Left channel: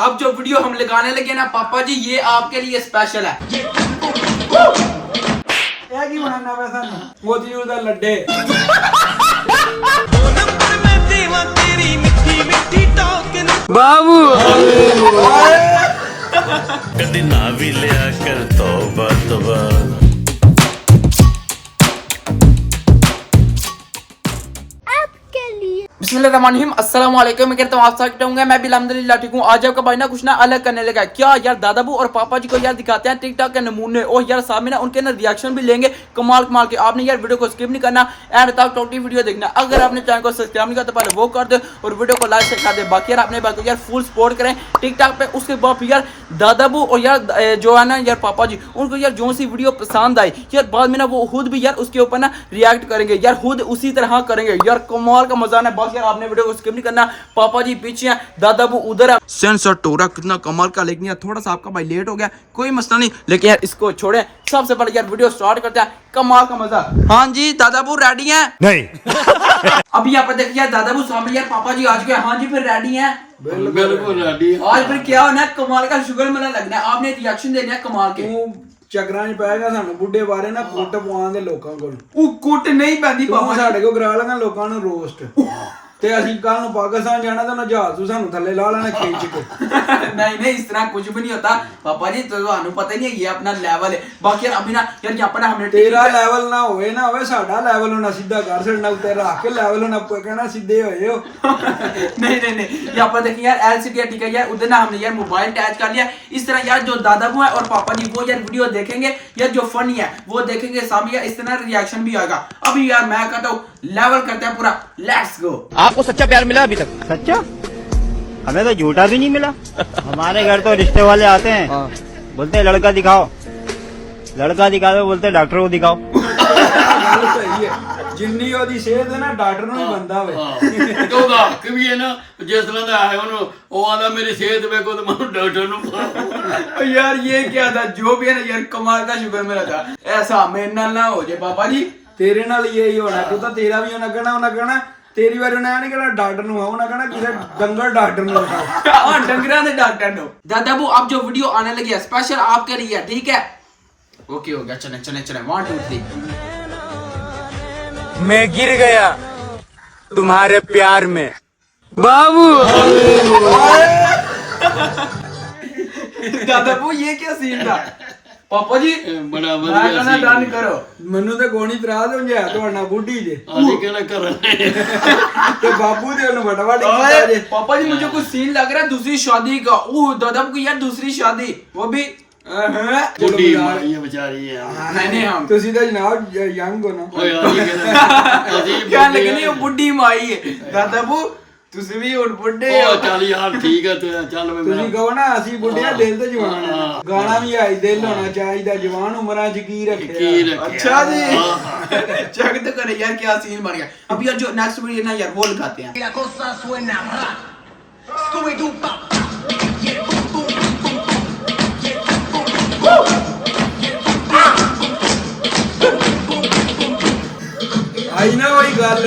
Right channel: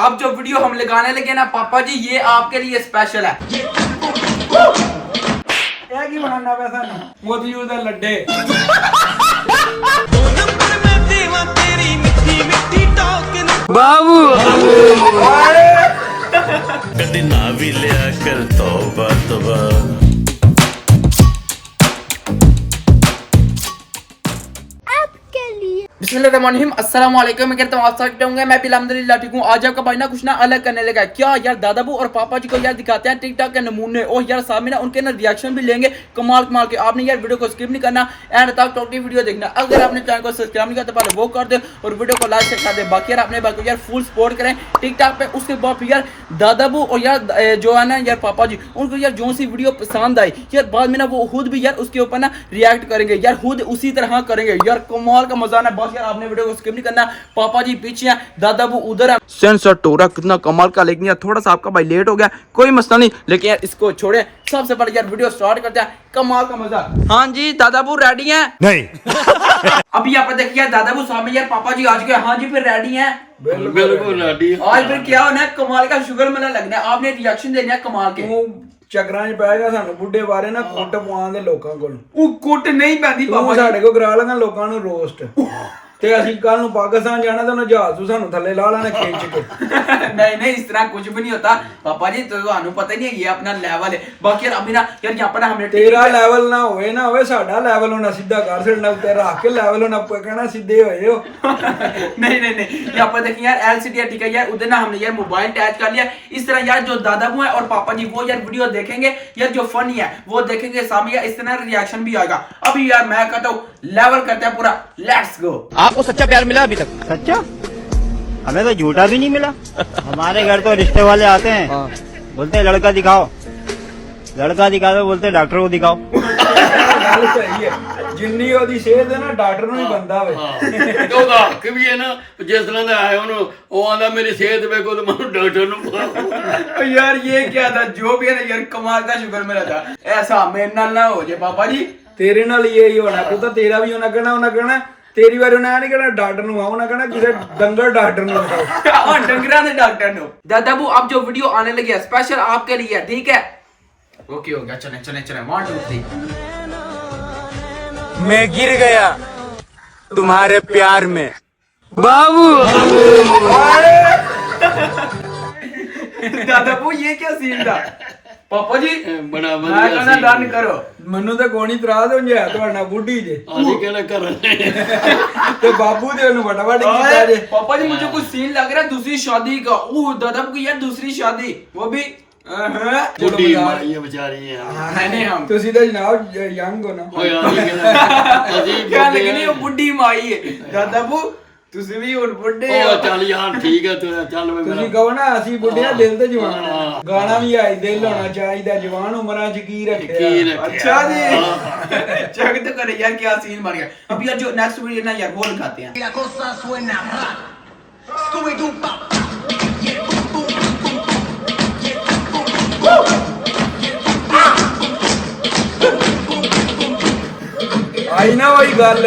अब जो वीडियो हम लगाने लगे ना पापा जी, ये आपके लिए स्पेशल है। ਇਹ ਕੀ ਬਣਾਉਣਾ ਪਿਆ ਸਾਨੂੰ? ਮੋਤੀਚੂਰ ਦਾ ਲੱਡੇ। बाबू कदी ना भी लिया कर तौबा तौबा। बिस्मिल्लाहिर्रहमानिर्रहीम, अस्सलाम वालेकुम। मैं कहता हूँ आप सब होंगे, मैं भी अल्हम्दुलिल्लाह ठीक हूँ। आज आपका भाई ना कुछ ना अलग करने लगा। क्या यार, दादाबू और पापा जी को यार दिखाते हैं टिकटॉक के नमूने, और यार सामने ना उनके ना रिएक्शन भी लेंगे कमाल कमाल के। आपने यार वीडियो को स्किप नहीं करना, एंड तक टोटली वीडियो देखना। अगर आपने चैनल को सब्सक्राइब नहीं किया तो पहले वो कर दे और वीडियो को लाइक कर दे। बाकी यार अपने भाई को यार फुल सपोर्ट करें टिकटॉक पे। उसके बाद यार दादाबू और यार जो है ना यार पापा जी, उनको यार जो सी वीडियो पसंद आई यार बाद में ना वो खुद भी यार उसके ऊपर ना रिएक्ट करेंगे, यार खुद उसी तरह करेंगे। यार कमाल का मजा ना। बस यार आपने वीडियो को स्किप नहीं करना। पापा जी पीछे हैं, दादाबू उधर है। सेंसर टोरा कितना कमाल का, लेकिन यार थोड़ा सा आपका भाई लेट हो गया, कोई मसला नहीं, लेकिन यार इसको छोड़े। सबसे पहले यार वीडियो स्टार्ट करते हैं, कमाल का मजा। हाँ जी दादाबू रेडी हैं? नहीं अभी यहाँ पर देखिए दादाबू सामने यार पापा जी आज गए। हाँ जी फिर रेडी हैं? ਬਿਲਕੁਲ रेडी। आज फिर क्या होना है, कमाल का शुगर मेला लगना है। आपने रिएक्शन देना है कमाल के। ਤੂੰ ਚੱਕਰਾਂ 'ਚ ਪੈ ਗਿਆ, ਸਾਨੂੰ ਬੁੱਢੇ ਬਾਰੇ ਨਾ ਕੁੱਟ ਪਵਾਉਣ ਦੇ ਲੋਕਾਂ ਕੋਲ। ਉਹ ਕੁੱਟ ਨਹੀਂ ਪੈਂਦੀ ਤੂੰ ਪਾਪਾ ਜੀ। ਸਾਡੇ ਕੋਲ ਕਰਾ ਲੇਗਾ ਲੋਕਾਂ ਨੂੰ ਰੋਸਟ, ਤੇ ਅਸੀਂ ਕੱਲ ਨੂੰ ਪਾਕਿਸਤਾਨ ਜਾਣਾ ਤਾਂ ਉਹਨਾਂ ਜਹਾਜ਼ ਤੋਂ ਸਾਨੂੰ ਥੱਲੇ ਲਾ ਲੈਣਾ ਖਿੱਚ ਕੇ। नहीं नहीं, इस तरह कुछ भी नहीं होता पापा जी, तो आपको पता ही नहीं है, ये अपना लेवल है। बाकी यार अभी ना यार यहाँ पर ना हमने ਤੇਰਾ ਲੈਵਲ ਨਾ ਹੋਵੇ ਸਾਡਾ ਲੈਵਲ ਹੋਣਾ, ਸਿੱਧਾ ਕਰ ਛੱਡਣਾ ਉੱਤੇ ਰੱਖ ਕੇ ਲੈਵਲ ਹੋਣਾ, ਕਹਿਣਾ ਸਿੱਧੇ ਹੋਏ ਹੋ। नहीं नहीं नहीं, यहाँ पर देखिए यार LCD ठीक है यार, उधर ना हमने यार मोबाइल अटैच कर लिया। इस तरह यार जो दादाबू है और पापा जी वो यार वीडियो देखेंगे, यार जो फनी है वो देखेंगे सामने, यार इस तरह रिएक्शन भी आएगा। अभी यार मैं कहता हूँ लेवल करते हैं पूरा, लेट्स गो। आपको सच्चा प्यार मिला अभी तक? सच्चा? हमें तो झूठा भी नहीं मिला। हमारे घर तो रिश्ते वाले आते हैं, बोलते हैं लड़का दिखाओ, लड़का दिखाओ, बोलते हैं डॉक्टर को दिखाओ। ਗੱਲ ਸਹੀ ਹੈ, ਜਿੰਨੀ ਉਹਦੀ ਸਿਹਤ ਹੈ ਨਾ ਡਾਕਟਰ ਨੂੰ ਹੀ ਬੰਦਾ ਹੋਵੇ। ਤੇ ਉਹਦਾ ਹੱਕ ਵੀ ਹੈ ਨਾ, ਜਿਸ ਤਰ੍ਹਾਂ ਦਾ ਹੈ ਉਹਨੂੰ, ਉਹ ਆਂਦਾ ਮੇਰੀ ਸਿਹਤ ਵੇਖੋ ਤੇ ਮੈਨੂੰ ਡਾਕਟਰ ਨੂੰ। यार ये क्या था, जो भी है ना यार कमाल का शुगर मेरा था। ऐसा मेरे नाल ना हो जाए पापा जी। ਤੇਰੇ ਨਾਲ ਹੀ ਇਹੀ ਹੋਣਾ, ਤੂੰ ਤਾਂ ਤੇਰਾ ਵੀ ਉਹਨਾਂ ਕਹਿਣਾ ਤੇਰੀ ਵਾਰ ਉਹਨੇ ਨਹੀਂ ਕਹਿਣਾ ਡਾਕਟਰ ਨੂੰ ਆਉਣਾ, ਕਹਿਣਾ ਕਿਸੇ ਡੰਗਰ डॉक्टर ਨੂੰ ਦਿਖਾਓ। हाँ डंगरा ने डॉक्टर नो। दादाबू अब जो वीडियो आने लगी है स्पेशल आपके लिए, ठीक है? ओके हो गया, चले चले चले 1 2 3। मैं गिर गया तुम्हारे प्यार में बाबू। दादाबू ये क्या सीन था पापा जी? ਬੜਾ मैं ਵਧੀਆ कहना ਸੀ। डन करो। ਮੈਨੂੰ ਤਾਂ ਕੋਣੀ ਤਰਾਦ ਹੋ ਜਾਇਆ ਤੁਹਾਡਾ ਬੁੱਢੀ ਜੇ, ਅਸੀਂ ਕਹਿੰਦਾ ਕਰਨਾ ਤੇ ਬਾਬੂ ਦੇ ਉਹਨੂੰ ਫਟਾਫਟ ਕੀਤਾ ਜੇ। पापा जी मुझे कुछ सीन लग रहा है दूसरी शादी का। दादाबू की यार दूसरी शादी, वो भी ਚਲੋ ਬੁੱਢੀ ਯਾਰ, ਮਾਰੀਆਂ ਵਿਚਾਰੀਆਂ। नहीं हम ਤੁਸੀਂ ਤਾਂ ਜਨਾਬ ਯੰਗ ਹੋ ਨਾ। ਓਏ ਅਸੀਂ ਕਹਿੰਦਾ ਅਸੀਂ क्या ਬੁੱਢੇ लगनी है बुढ़ी माई है। दादाबू तुसी भी हुन बुढ़े ਉਹ ਚੱਲ ਯਾਰ ਠੀਕ ਹੈ, ਤੂੰ ਚੱਲ ਵੇ ਤੁਸੀਂ ਕਹੋ ਨਾ ਅਸੀਂ ਬੁੱਢਿਆ ਦਿਲ ਤੇ ਜਵਾਨ ਆ। ਗਾਣਾ ਵੀ ਆਈ ਦਿਲ ਹੋਣਾ ਚਾਹੀਦਾ, ਜਵਾਨ ਉਮਰਾਂ ਚ ਕੀ ਰੱਖਿਆ। ਕੀ ਰੱਖਿਆ। अच्छा जी चेक तो करे यार क्या सीन बन गया। अब यार जो नेक्स्ट वीडियो ना यार वो लगाते हैं। La cosa suena ra. Scooby-Doo pop. Yeah, boom, boom, boom, boom, boom. Yeah, boom, boom, boom. ਆਈ ਨਾ ਉਹੀ ਗੱਲ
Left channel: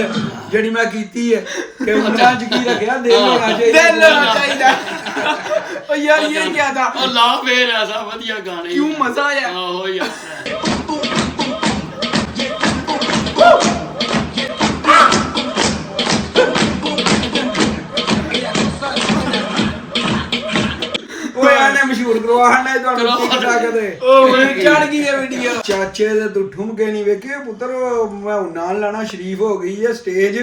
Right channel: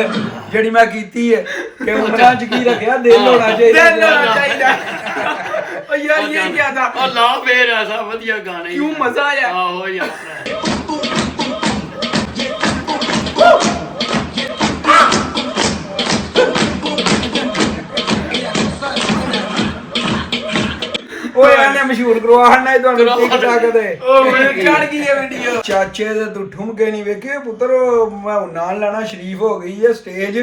ਜਿਹੜੀ ਮੈਂ ਕੀਤੀ ਹੈ ਕਿ ਉਮਰਾਂ ਚ ਕੀ ਰੱਖਿਆ, ਦਿਲ ਹੋਣਾ ਚਾਹੀਦਾ। दिल होना चाहिए। और यार ये क्या था, ਉਹ ਲਾ ਫੇਰ ਐਸਾ ਵਧੀਆ ਗਾਣੇ। क्यों मजा आया। ਆਹੋ ਯਾਰ। ਓਏ ਆਨੇ ਮਸ਼ਹੂਰ ਕਰਵਾਣਾ ਤੁਹਾਨੂੰ ਟਿਕਟਾਕ ਤੇ। चढ़ गई है वीडियो। ਚਾਚੇ ਦੇ ਤੂੰ ਠੁਮਕੇ ਨਹੀਂ ਵੇਖੇ ਪੁੱਤਰ, ਮੈਂ ਉਹ ਨਾਲ ਲਾਣਾ ਸ਼ਰੀਫ ਹੋ ਗਈ ਹੈ ਸਟੇਜ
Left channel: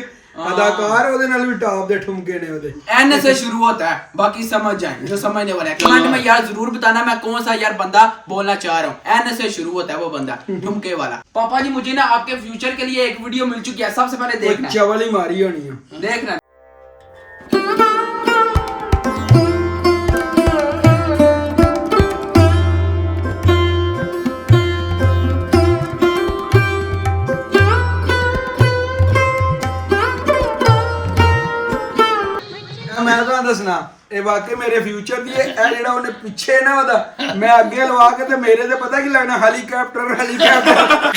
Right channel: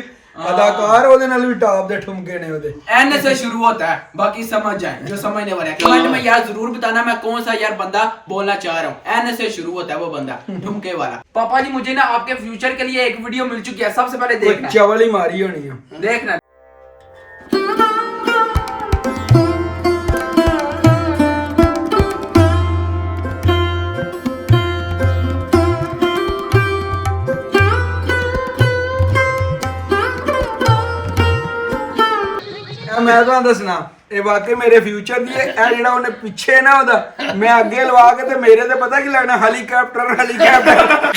अदाकार ਉਹਦੇ ਨਾਲ ਵੀ ਟਾਪ ਦੇ ਠੁਮਕੇ ਨੇ ਉਹਦੇ। एन से शुरू होता है, बाकी समझ जाए जो समझने वाले हैं। कमेंट में यार जरूर बताना मैं कौन सा यार बंदा बोलना चाह रहा हूँ। एन से शुरू होता है वो बंदा ठुमके वाला। पापा जी मुझे ना आपके फ्यूचर के लिए एक वीडियो मिल चुकी है, सबसे पहले देखना ਚਵਲ ਹੀ ਮਾਰੀ ਹੋਣੀ ਆ। देखना। ਮੈਂ ਤੁਹਾਨੂੰ ਦੱਸਣਾ ਇਹ ਵਾਕਈ ਮੇਰੇ ਫਿਊਚਰ ਦੀ ਇਹ ਜਿਹੜਾ ਉਹਨੇ ਪਿੱਛੇ ਨਾ ਉਹਦਾ ਮੈਂ ਅੱਗੇ ਲਵਾ ਕੇ ਤੇ ਮੇਰੇ ਤੇ ਪਤਾ ਕੀ ਲੱਗਣਾ, ਹੈਲੀਕਾਪਟਰ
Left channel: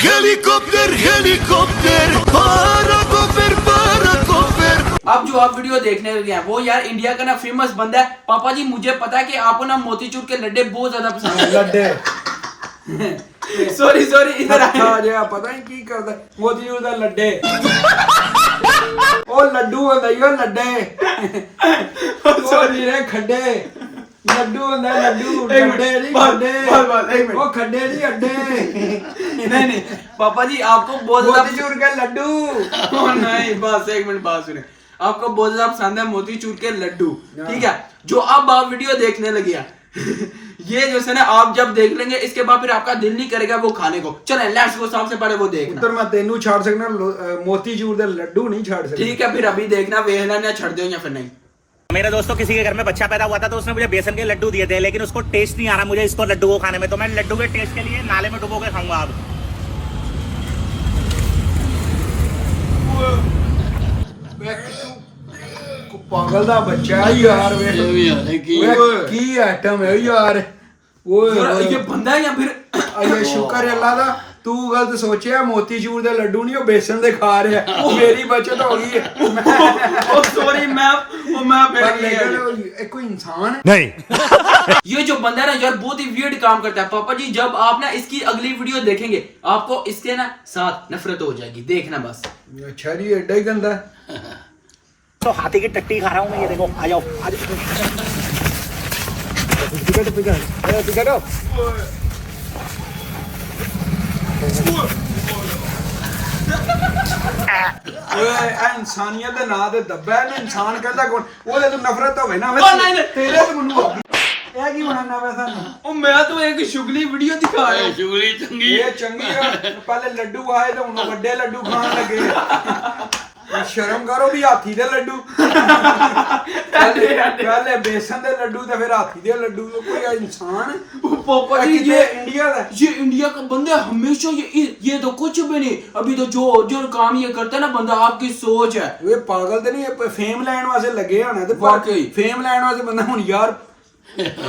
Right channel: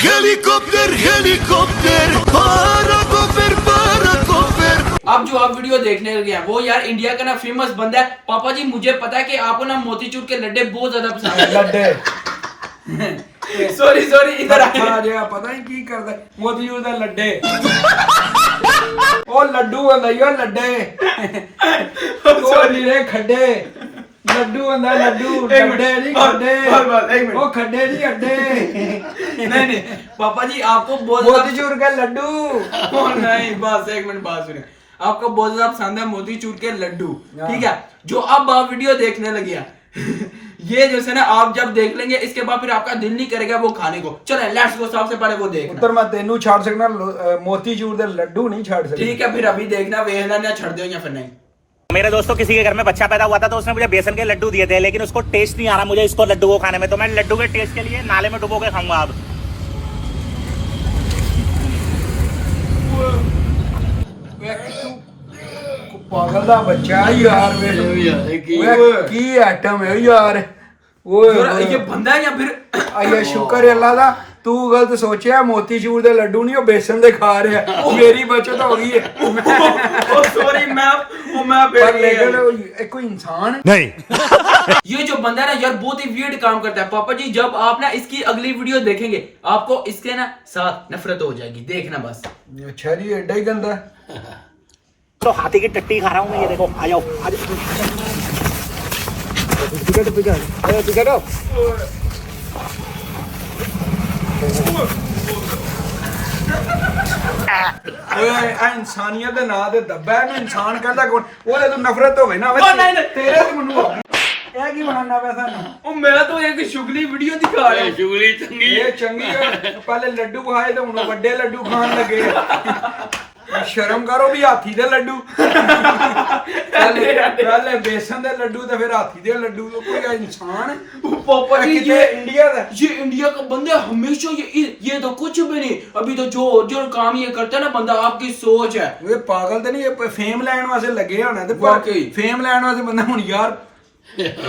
हेलीकॉप्टर हेलीकॉप्टर पाराकॉप्टर पाराकॉप्टर अब जो आप वीडियो देखने लगे हैं वो यार इंडिया का ना फेमस बंदा है। पापा जी मुझे पता है कि आपको ना मोतीचूर के लड्डे बहुत ज्यादा पसंद है। ਲੱਡੇ सॉरी इधर ਆ ਜਾ ਪਤਾ ਨਹੀਂ ਕੀ ਕਰਦਾ ਮੋਤੀਚੂਰ ਦਾ ਲੱਡੇ ਉਹ ਲੱਡੂ ਹੁੰਦਾ ਈ ਉਹ ਲੱਡੇ ਸੋਰੀ ਰੇ ਖੱਡੇ ਲੱਡੂ ਹੁੰਦਾ ਲੱਡੂ ਲੱਡੇ ਨਹੀਂ ਖੱਡੇ ਉਹ ਖੱਡੇ ਨਹੀਂ ਅੱਡੇ नहीं पापा जी आपको बहुत ज्यादा ਮੋਤੀਚੂਰ ਕੇ ਲੱਡੂ ओ नहीं बस एक मिनट बात सुने। आपको बहुत ज्यादा पसंद है मोतीचूर के लड्डू, ठीक है। जो अब आप वीडियो देखने लगे हैं ये जैसे ना आप जब देख लेंगे इसके बाद फिर आपका दिल नहीं करेगा वो खाने को। चले लेट्स गो, सबसे पहले वो देखना। ਪੁੱਤਰ ਮੈਂ ਤੈਨੂੰ ਛੱਡ ਸਕਣਾ ਮੋਤੀਚੂਰ ਦੇ ਲੱਡੂ ਨਹੀਂ ਛੱਡ ਸਕਦਾ ठीक है फिर अभी देखना वेख लेना छड़ दो या फिर नहीं। मेरे दोस्तों किसी के घर में बच्चा पैदा हुआ था तो उसने मुझे बेसन के लड्डू दिए थे, लेकिन उसको टेस्ट नहीं आ रहा मुझे इसको लड्डू को खाने में, तो मैं लड्डू के टेस्ट के लिए नाले में डुबो के खाऊंगा अब। ਪਾਗਲ ਦਾ ਬੱਚਾ ਯਾਰ ਵੇ ਕੀ ਆਈਟਮ ਹੈ ਯਾਰ ਓਏ ये बंदा है या फिर ਆਇਆ ਸ਼ੁਕਰ ਅੱਲਾ ਦਾ ਤੂੰ ਗਲਤ ਸੋਚਿਆ ਮੋਤੀਚੂਰ ਦੇ ਲੱਡੂ ਨਹੀਂ ਉਹ ਬੇਸਣ ਦੇ ਖਾ ਰਿਹਾ ਮੇਰੀ ਬਚਤ ਹੋ ਗਈ ਹੈ सॉरी मैं ਪਰ ਲੇਕਿਨ ਇਹ ਕੋਈ ਇਨਸਾਨ ਹੈ नहीं ये जो बंदा है ना यार बहुत ही वियर्ड काम करता है। पापा जी जब आप ना इसकी अगली वीडियो देखेंगे आपको इसके ना साथ नफरत हो जाएगी, देखना बस। ਅੱਛਾ ਜੀ ਐਡਾ ਹੀ ਗੰਦਾ तो हाथी की टट्टी खा रहा हूँ मैं, ये देखो आ जाओ ਓਏ ਆ ਇਨਸਾਨੀਅਤ ਦੇ ਨਾਂ ਤੇ ਦੱਬਾ ਇਹਨੂੰ ਇਨਸਾਨ ਕਹਿੰਦਾ ਕੌਣ ਉਹਦੇ ਤੋਂ ਨਫ਼ਰਤ ਹੋਵੇ ਨਾ ਨਹੀਂ। ਤੇਰੇ ਤੋਂ ਮੈਨੂੰ ਹੋ ਗਈ ਇਹ ਕੀ ਬਣਾਉਣਾ ਪਿਆ ਸਾਨੂੰ ओ मैं तो एक शुगली वीडियो दिखा रहा हूँ। ਚੁਗਲੀ ਚੰਗੀ ਇਹ ਚੰਗੀ ਆ ਪਹਿਲੇ ਲੱਡੂ ਖਾਏ ਤੇ ਹੁਣ ਵੱਡੇ ਲੱਡੂ ਖਾਣ ਲੱਗੇ ਆ ਸ਼ਰਮ ਕਰੋ ਵੀ ਹਾਥੀ ਦੇ ਲੱਡੂ ਪਹਿਲੇ ਬੇਸਨ ਦੇ ਲੱਡੂ ਤੇ ਫਿਰ ਹਾਥੀ ਦੇ ਲੱਡੂ ਕੋਈ ਇਨਸਾਨ पापा जी कितने ये इंडिया का ये इंडिया का बंदा है, हमेशा ये तो कुछ भी नहीं। अभी तो जो काम ये करता है ना बंदा आपकी सोच है। ਇਹ ਪਾਗਲ ਤੇ ਨਹੀਂ ਇਹ ਫੇਮ ਲੈਣ ਵਾਸਤੇ ਲੱਗੇ ਹੋਣਾ ਤੇ ਵਾਕਈ। ਫੇਮ ਲੈਣ ਵਾਸਤੇ ਬੰਦਾ ਹੁਣ ਯਾਰ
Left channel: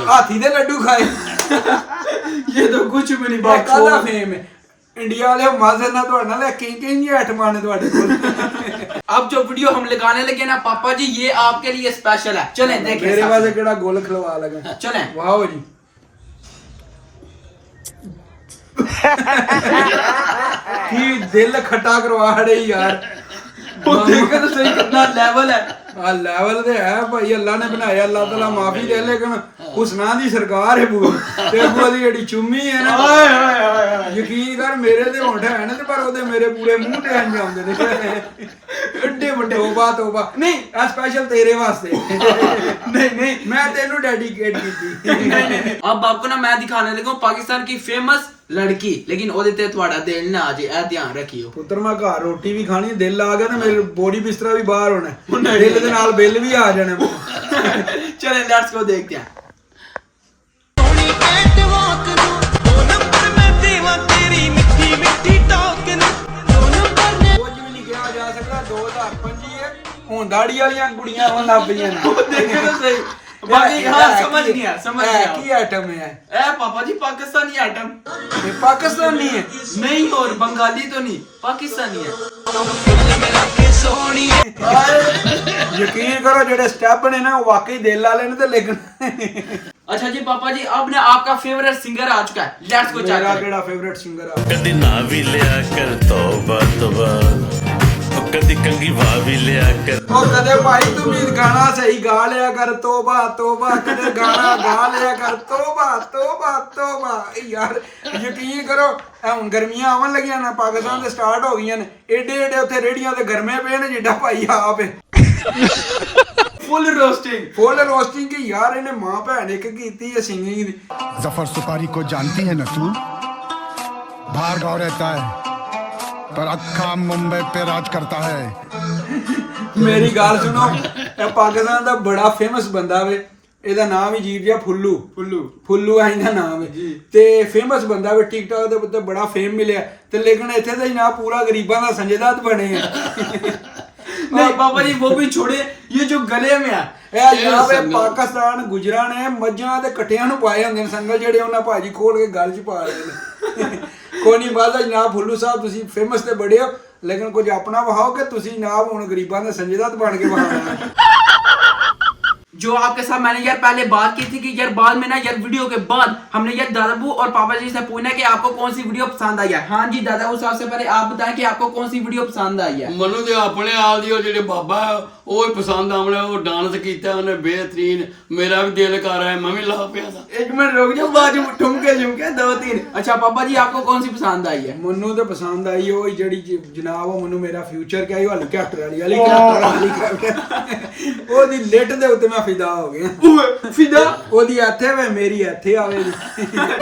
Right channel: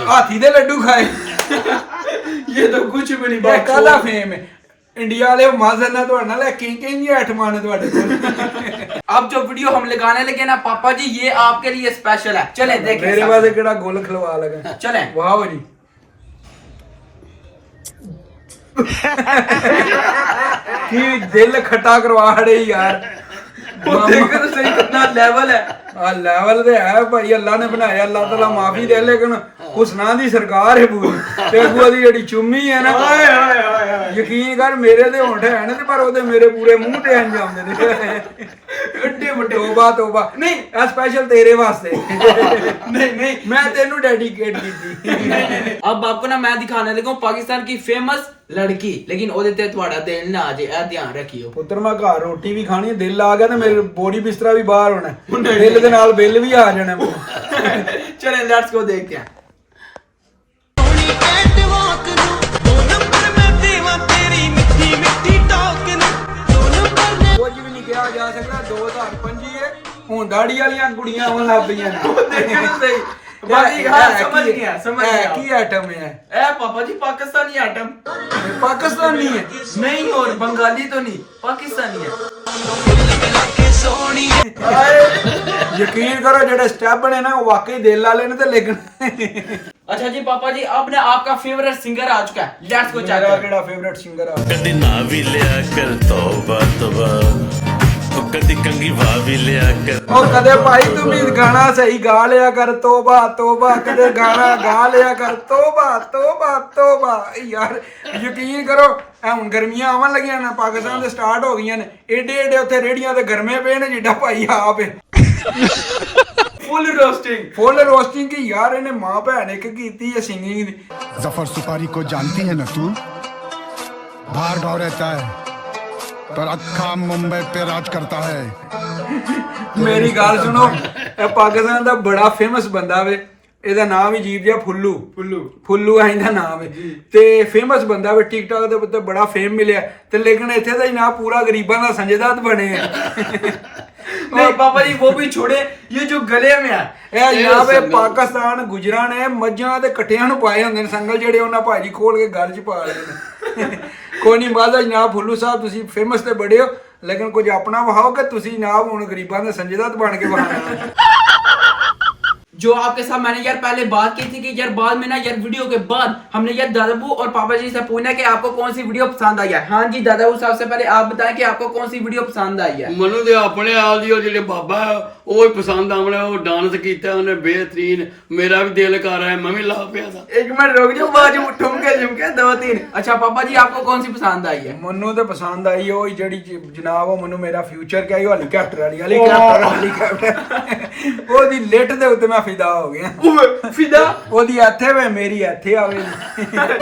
ਹਾਥੀ ਦੇ ਲੱਡੂ ਖਾਏ ये तो कुछ भी नहीं ਇਹ ਕਾਹਦਾ ਫੇਮ ਹੈ ਇੰਡੀਆ ਵਾਲੇ ਮਾਜ਼ਰ ਨਾਲ ਤੁਹਾਡੇ ਨਾਲ ਕਿੰਨੀ ਆਈਟਮਾਂ ਨੇ ਤੁਹਾਡੇ ਕੋਲ अब जो वीडियो हम लगाने लगे ना पापा जी ये आपके लिए स्पेशल है। चले देखें ਮੇਰੇ साथ। ਵਾਸਤੇ ਕਿਹੜਾ ਗੁੱਲ ਖਲਵਾ ਲਗਾ चले ਵਾਓ ਜੀ ਕੀ ਦਿਲ ਖੱਟਾ ਕਰਵਾ ਹੜੇ ਯਾਰ देखो तो सही कितना लेवल है। ਆ ਲੈਵਲ ਤੇ ਹੈ ਭਾਈ ਅੱਲਾ ਨੇ ਬਣਾਇਆ ਅੱਲਾ ਤਾਲਾ ਮਾਫੀ ਦੇ ਲੇਕਿਨ ਹੁਸਨਾ ਦੀ ਸਰਕਾਰ ਹੈ ਪੂਰੀ ਤੇ ਅੱਗੂ ਦੀ ਜਿਹੜੀ ਚੁੰਮੀ ਹੈ ਨਾ ਯਕੀਨ ਕਰ ਮੇਰੇ ਤੇ ਹੋਂਠ ਹੈ ਨੇ ਤੇ ਪਰ ਉਹਦੇ ਮੇਰੇ ਪੂਰੇ ਮੂੰਹ ਤੇ ਅੰਜਾਮਦੇ ਨੇ ਏਡੇ ਵੱਡੇ ਤੋਬਾ ਨਹੀਂ ਆ ਸਪੈਸ਼ਲ ਤੇਰੇ ਵਾਸਤੇ नहीं ਮੈਂ ਤੈਨੂੰ ਡੈਡੀਕੇਟ ਕੀਤੀ अब आपको ना मैं दिखाने लगा हूँ पाकिस्तान की फेमस लड़की, लेकिन ओदे ते थोड़ा दिल ना आ जाए, ए ध्यान रखियो। ਪੁੱਤਰ ਮੈਂ ਘਰ ਰੋਟੀ ਵੀ ਖਾਣੀ ਦਿਲ ਆ ਗਿਆ ਤੇ ਮੇਰੇ ਬੋਡੀ ਬਿਸਤਰਾ ਵੀ ਬਾਹਰ ਹੋਣਾ ਦਿਲ ਦੇ ਨਾਲ ਬਿੱਲ ਵੀ ਆ ਜਾਣਾ चले लेट्स गो देखते हैं। ਸੋਹਣੀ ਐਟ ਵਾਕ ਨੂੰ 2 ਨੰਬਰ ਮੈਂ ਦੇਵਾਂ ਤੇਰੀ ਮਿੱਠੀ ਮਿੱਠੀ ਟਾਕ ਨੂੰ 2 ਨੰਬਰ ਨੇ ਕੁਝ ਵੀ ਨਹੀਂ ਕਿਹਾ ਜਾ ਸਕਦਾ 2025 ਹੈ ਹੁਣ ਦਾੜੀ ਵਾਲੀਆਂ ਕੁੜੀਆਂ ਹੁਣ ਲੱਭ ਪਈਆਂ ਨੇ बाकी हाँ समझ गया ਕੀ ਆਈਟਮ ਹੈ ए पापा जी पाकिस्तानी आइटम ਇਹ ਪਾਕਿਸਤਾਨੀ ਹੈ नहीं और बंगाली तो नहीं पाकिस्तानी है। ਮਿਲਾ ਕੇ ਸੋਹਣੀ ਯਕੀਨ ਕਰੋ ਜਿਹੜੇ ਸਟੈਪ ਨੇ ਨਾ ਉਹ ਵਾਕਈ ਦਿਲ ਵਾਲੇ ਨੇ ਤੇ ਲੇਕਿਨ अच्छा जी पापा जी अब ना आपका फेवरेट सिंगर आ चुका है, लेट्स गो चेक ਮੇਰਾ करें। ਕਿਹੜਾ ਫੇਵਰਿਟ ਸਿੰਗਰ ਆ कदी ना भी लिया कर तौबा तौबा ओ कदी कंगी वा भी लिया कर ਉਹ ਕਦੇ ਭਾਈ ਤੂੰ ਵੀ ਗਾਣਾ ਸਹੀ ਗਾ ਲਿਆ ਕਰ ਤੋਬਾ ਤੋਬਾ ਕਦੇ ਗਾਣਾ ਗਾ ਲਿਆ ਕਰ ਤੋਬਾ ਤੋਬਾ ਤੋਬਾ ਯਾਰ ਯਕੀਨ ਕਰੋ ਇਹ ਹੁਣ ਗਰਮੀਆਂ ਆਉਣ ਲੱਗੀਆਂ ਨਾ ਪਾਕਿਸਤਾਨ ਦੇ ਸਟਾਰਟ ਹੋ ਗਈਆਂ ਨੇ ਏਡੇ ਏਡੇ ਉੱਥੇ ਰੇੜੀਆਂ ਤੇ ਗਰਮੇ ਪਏ ਨੇ ਜਿੱਡਾ ਭਾਈ ਆਪ ਹੈ फुल रोस्टिंग ਫੁੱਲ ਰੋਸਟਿੰਗ ਕੀ ਯਾਰ ਇਹਨੇ ਮਾਂ ਭੈਣ ਇੱਕ ਕੀਤੀ ਹੈ ਸਿੰਗਿੰਗ ਦੀ जफर सुपारी को जानती है ना तू बाहर गाँव रहता है पर अक्खा मुंबई पे राज करता है ਮੇਰੀ ਗੱਲ ਸੁਣੋ ਇਹ ਪਾਕਿਸਤਾਨ ਦਾ ਬੜਾ ਫੇਮਸ ਬੰਦਾ ਵੇ ਇਹਦਾ ਨਾਮ ਹੀ ਅਜੀਬ ਜਿਹਾ ਫੁੱਲੂ ਹੈ ਇਹਦਾ ਨਾਮ ਹੈ ਤੇ ਫੇਮਸ ਬੰਦਾ ਵੇ ਟਿਕਟੌਕ ਦੇ ਉੱਤੇ ਬੜਾ ਫੇਮ ਮਿਲਿਆ ਤੇ ਲੇਕਿਨ ਇੱਥੇ ਦਾ ਹੀ ਨਾ ਪੂਰਾ ਗਰੀਬਾਂ ਦਾ ਸੰਜੇਦਾਤ ਬਣੇ ਆ नहीं पापा जी वो भी छोड़े, ये जो गले में है ਇਹ ਜਨਾਬ ਇਹ ਪਾਕਿਸਤਾਨ ਗੁਜਰਾਂ ਨੇ ਮੱਝਾਂ ਤੇ ਕੱਟਿਆਂ ਨੂੰ ਪਾਏ ਹੁੰਦੇ ਨੇ ਸੰਗਲ ਜਿਹੜੇ ਉਹਨਾਂ ਭਾਜੀ ਖੋਲ ਕੇ ਗਲ 'ਚ ਪਾ ਲੈਂਦੇ ਨੇ ਕੋਈ ਨਹੀਂ ਬਾਦਾ ਜਨਾਬ ਫੁੱਲੂ ਸਾਹਿਬ ਤੁਸੀਂ ਫੇਮਸ ਤੇ ਬੜੇ ਹੋ ਲੇਕਿਨ ਕੁਝ ਆਪਣਾ ਵਹਾਓ ਕਿ ਤੁਸੀਂ ਨਾ ਹੁਣ ਗਰੀਬਾਂ ਦੇ ਸੰਜੀਦਤ ਬਣ ਕੇ ਬਹਾਨਾ जो आपके साथ मैंने यार पहले बात की थी कि यार बाद में ना यार वीडियो के बाद हमने यार दादाबू और पापा जी से पूछना कि आपको कौन सी वीडियो पसंद आई है। हाँ जी दादाबू साहब से पहले आप बताएं कि आपको कौन सी वीडियो पसंद आई है। ਮੈਨੂੰ ਤੇ ਆਪਣੇ ਆਪ ਦੀ ਉਹ ਜਿਹੜੇ ਬਾਬਾ ਉਹ ਹੀ ਪਸੰਦ ਆਉਣਾ, ਉਹ ਡਾਂਸ ਕੀਤਾ ਉਹਨੇ बेहतरीन, मेरा भी दिल कर रहा है मैं भी ला पिया था। एक मिनट रुक जाओ, बाजू ठुमके झुमके 2-3। अच्छा पापा जी आपको कौन सी पसंद आई है। ਮੈਨੂੰ ਤੇ ਪਸੰਦ ਆਈ ਉਹ ਜਿਹੜੀ ਜਨਾਬ ਉਹ ਮੈਨੂੰ ਮੇਰਾ ਫਿਊਚਰ ਕਿਹਾ ਉਹ ਹੈਲੀਕਾਪਟਰ ਉਹਦੀ ਲਿਟ ਦੇ ਉੱਤੇ ਮੈਂ ਫਿਦਾ ਹੋ ਗਿਆ। फिदा ਉਹਦੀ ਇੱਥੇ ਵੇ ਮੇਰੀ ਇੱਥੇ ਆਵੇ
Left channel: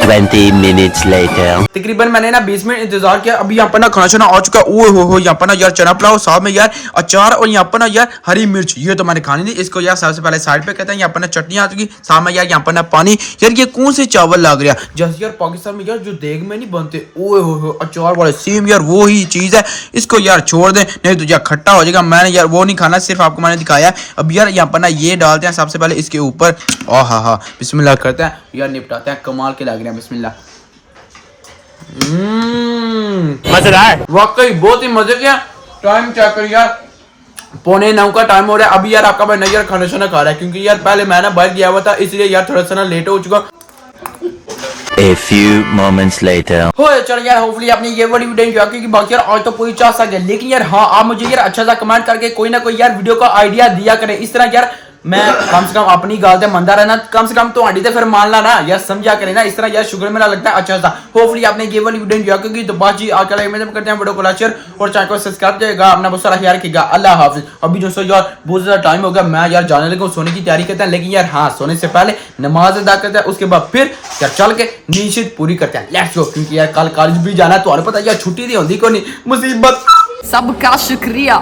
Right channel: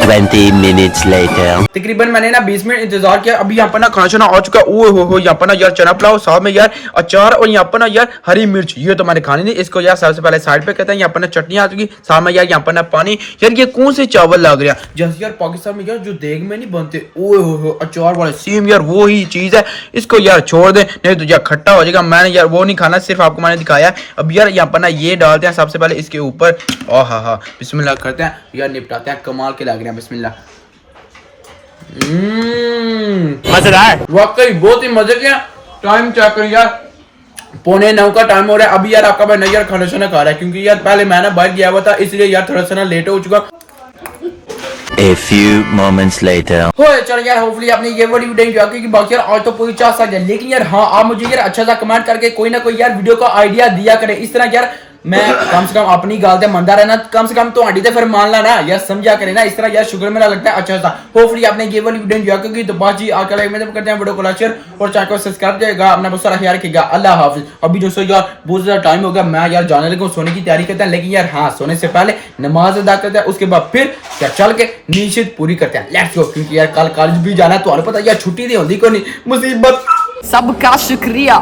20 minutes later. तकरीबन मैंने ना 20 मिनट इंतजार किया। अभी यहाँ पर ना खाना शाना आ चुका है। ओह हो यहाँ पर ना यार चना पुलाव, साथ में यार अचार और यहाँ पर ना यार हरी मिर्च। ये तो मैंने खानी नहीं, इसको यार सबसे पहले साइड पे कहते हैं। यहाँ पर ना चटनी आ चुकी, साथ में यार यहाँ पर ना पानी। यार ये कौन से चावल लग रहा है जैसे यार पाकिस्तान में यार जो देग में नहीं बनते। ओह हो अचार वाले सेम यार वो ही चीज है। इसको यार छोड़ दे नहीं तो यार खट्टा हो जाएगा। मैंने यार वो नहीं खाना, सिर्फ आपको मैंने दिखाया। अब यार यहाँ पर ना ये डालते हैं सबसे पहले इसके ऊपर। हाँ बिस्मिल्लाह करते हैं यार, निपटाते हैं। कमाल के लग रहे हैं, बिस्मिल्लाह। मजेदार। वाकई बहुत ही मजे के। टाइम चेक करिए यार, 8:45 का टाइम हो रहा है। अभी यार आपका भाई यार खाना शाना खा रहा है क्योंकि यार पहले मैं ना बाहर गया हुआ था, इसलिए यार थोड़ा सा ना लेट हो चुका। A few moments later. हो चलो यार, होपफुली आपने ये वाली वीडियो एंजॉय की। बाकी यार आज तो पूरी 4 सा गया, लेकिन यार हाँ आप मुझे यार अच्छा सा कमेंट करके कोई ना कोई यार वीडियो का आइडिया दिया करें। इस तरह यार मैं कम से कम अपनी गाल ते मंदा रहना, कम से कम तो आंटी ते फिर मान ला ना यार, समझा करे ना। इस तरह यार शुक्र मेरा लगता है अच्छा सा। होपफुली आपने ये वाली वीडियो एंजॉय की। तो बात जी आज का लाइक में करते हैं, वीडियो को लाइक शेयर और चैनल को सब्सक्राइब करिएगा। अपना बहुत सारा ख्याल रखिएगा। अल्लाह हाफिज। अभी दोस्तों यार बहुत ज़्यादा टाइम हो गया, मैं यार जाने लगा सोने की तैयारी करते हैं। लेकिन यार हाँ सोने से पहले नमाज अदा करते हैं, उसके बाद फिर यार चल के नींद पूरी करते हैं। लेट्स गो, क्योंकि यार कल कॉलेज भी जाना है। तो पता यार छुट्टी नहीं होती कोई नहीं, मुसीबत। सबका शुक्रिया।